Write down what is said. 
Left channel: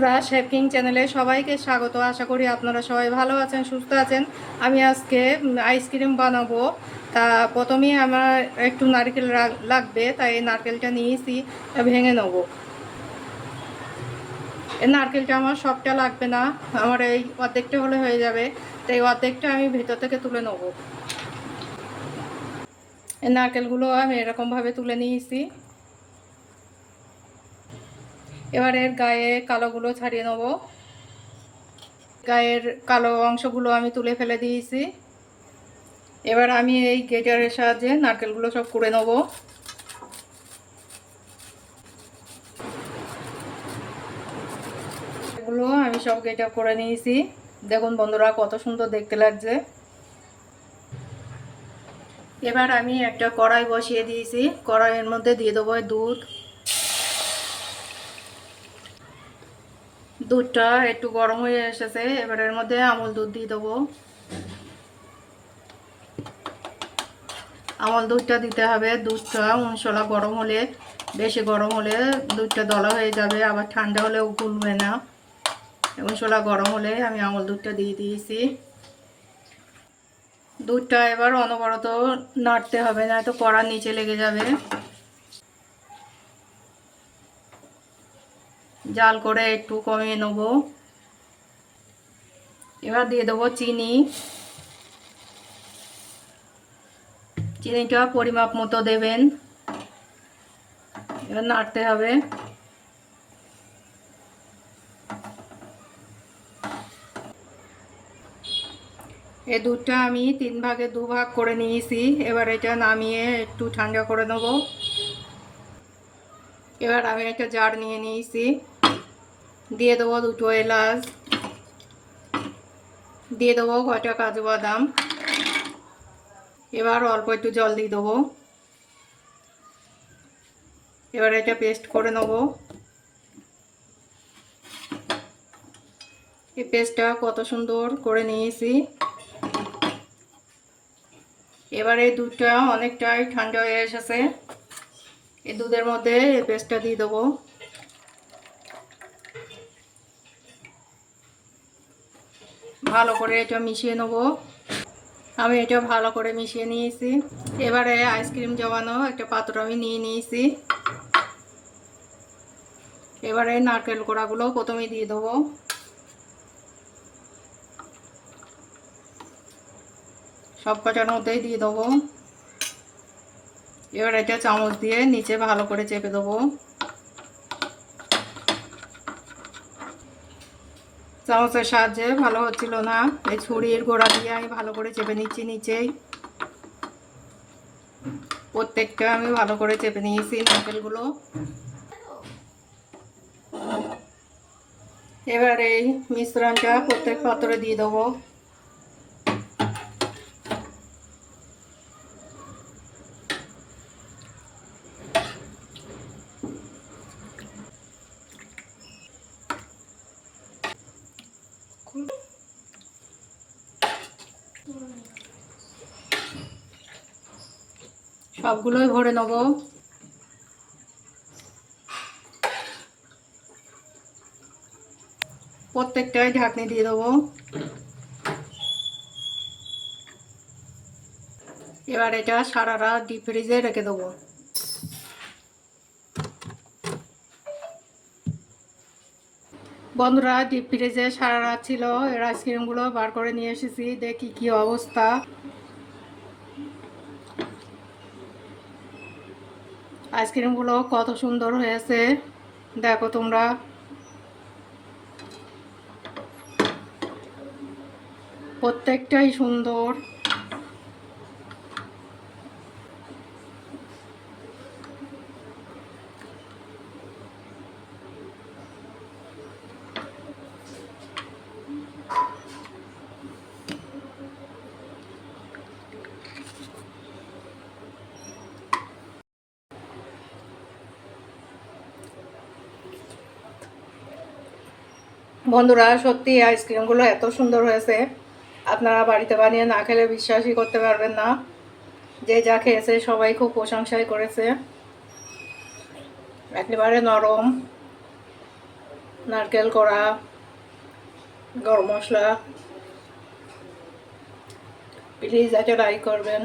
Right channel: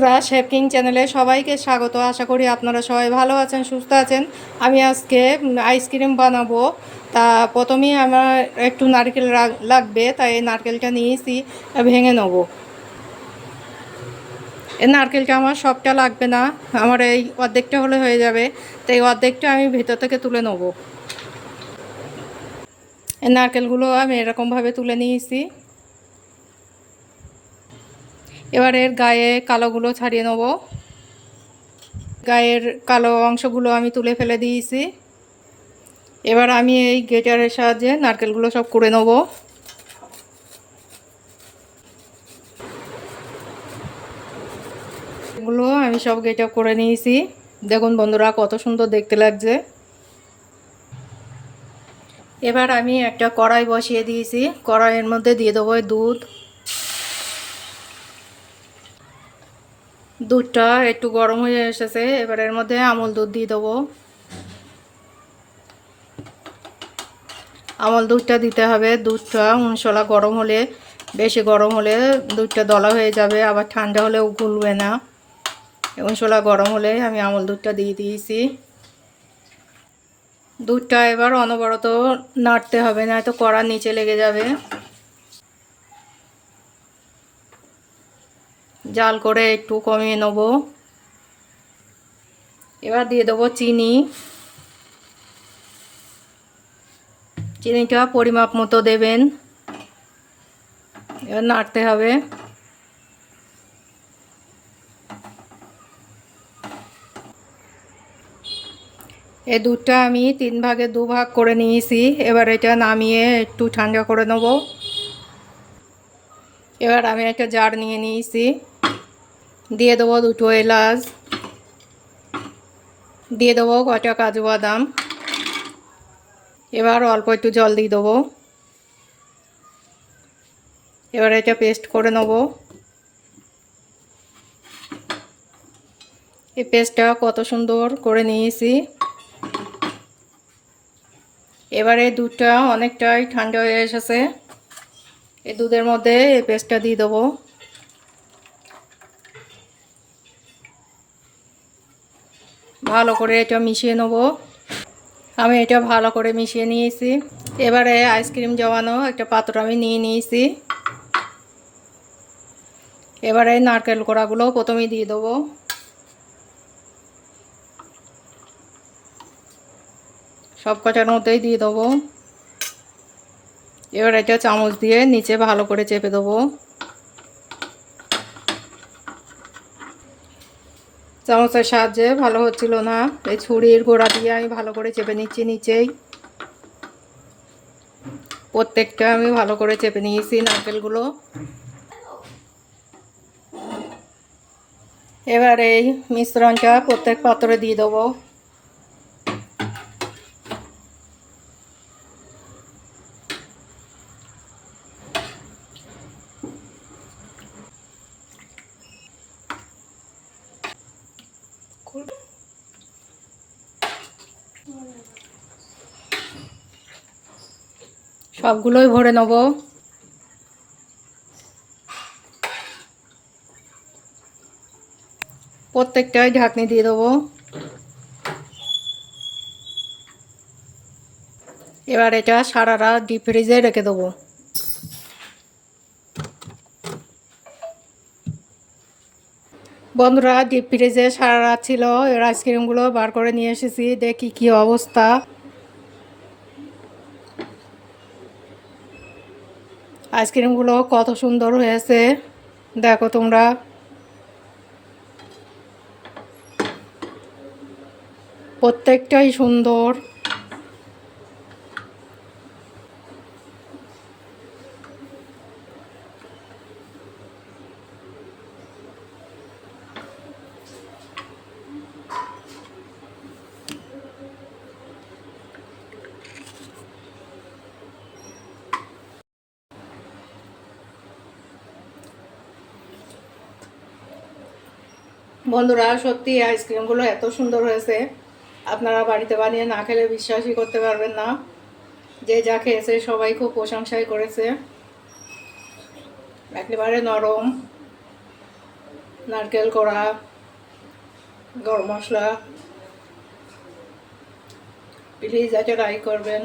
বন্ধুরা, chef king চ্যানেলে সবাইকে স্বাগত। আশা করি আপনারা সবাই ভালো আছেন, সুস্থ আছেন। আমি আজকে আইসক্রিম বানাবো। তা প্রথমেই আমার একটু নারকেল লাগবে, তাই এই নারকেলটা নিয়েছি, ভেঙে নেব। এই নারকেলটা আমার সবটা লাগবে না, আমার এই অর্ধেকটা হলে হয়ে যাবে। তো এই অর্ধেকটা আমি ভেতর থেকে তুলে নেব। এই নারকেলগুলো আমি এরকমভাবে তুলে নিয়েছি। এবার এর গায়ে কালোগুলো ছাড়িয়ে নেব। গায়ের কালো অংশগুলো আমি তুলে ফেলে দিয়েছি। এবার আমি এই গ্রেটারের সাহায্যে নারকেলগুলো সব কুড়ে নেব। এগুলো আমি সব গ্রেটার করে নিয়েছি। দেখুন বন্ধুরা, কত সুন্দর দেখতে লাগছে। এবার আমি একটা কড়াই বসিয়ে দিয়েছি। কড়াইয়ের মধ্যে দিয়ে দেবো দুধ। দুধটা একটু গরম হয়ে এসেছে, এবার এর মধ্যে আমল দুধ দিয়ে দেবো। আমল দুধটা দিতে হবে। দুধটা মশলা গরম হলে, বেশি গরম হলে দুধটা দলা হয়ে যাবে, আবার ঠান্ডা হলেও গুলবে না। মশলা গরম হলে আমি আমল দুধটা দিয়ে দিয়েছি। দুধটা এবার অনবরত নাড়তে হবে, না তো কড়ার নিচে লেগে যাবে। জাল করে একটু কমিয়ে নেব। এবার দিয়ে দেবো চিনি। চিনিটা পরিমাপ মতো দেবেন। এবার নাড়তে হবে। এই দুধটা আমি 3 ভাগে 2 ভাগ করে নিয়েছি। এবার এটা নামিয়ে একটু ঠান্ডা করে নেব। এবার আমি একটা জার নিয়ে নিয়েছি, দিয়ে দেবো 2টো এলাচ, দিয়ে দেবো কয়টা কাজু বাদাম। এবার অল্প একটু জল দিয়ে দেবো। এবার এটা পেস্ট করে নেব। এই পেস্টটা কত সুন্দর করে নিয়েছি। এবারে দুধটা অনেকটাই ঠান্ডা হয়ে এসেছে। এই দুধের মধ্যে এই পেস্টটা দিয়ে দেবো। ভালো করে এটা মিশিয়ে নেব। আমি এটা ভালো করে মিশিয়ে নিয়েছি। এবারে আইসক্রিম জমানো একটা পাত্র আমি নিয়ে নিয়েছি। এবারে নারকেল কোড়াগুলো প্রথমেই দিয়ে দেবো। সব কটার মধ্যেই দিয়ে দেবো। এবার এটা চামচ দিয়ে নিচে ভালো করে চেপে দেবো। চামচের সাহায্যে ভালো হচ্ছিল না, এই ছুরির গোড়া দিয়ে আমি ভালো করে চেপে নিচ্ছি। নিচেই প্রত্যেকটা আমি ভালো করে চেপে নিয়েছি নারকেলগুলো। এবার এই মিশ্রণটা প্রত্যেক পাত্রে দিয়ে দেবো। সবগুলোই ভরে নেব। প্রত্যেকটাই ঢাকনি দিয়ে দেবো। এবার এটা সারা রাত ডিপ ফ্রিজে রেখে দেবো। বন্ধুরা, ডিপ ফ্রিজে সারা রাত ছিল। এর আইসক্রিমগুলো বার করে নিয়ে এসেছি, দেখি কি অবস্থা। আইসক্রিমগুলো কত সুন্দর হয়েছে দেখো তোমরা। প্রত্যেকটাই সুন্দর। বন্ধুরা, সত্যি আইসক্রিমগুলো এত সুন্দর হয়েছে, আপনারা বাড়িতে বানিয়ে না খেলে বিশ্বাসই করতে পারবেন না। যে যা খেয়েছে সবাই খুব প্রশংসাই করেছে। একেবারে নরম, নারকেল কড়া, গরম মশলা। প্লিজ এটা ট্রাই করবেন।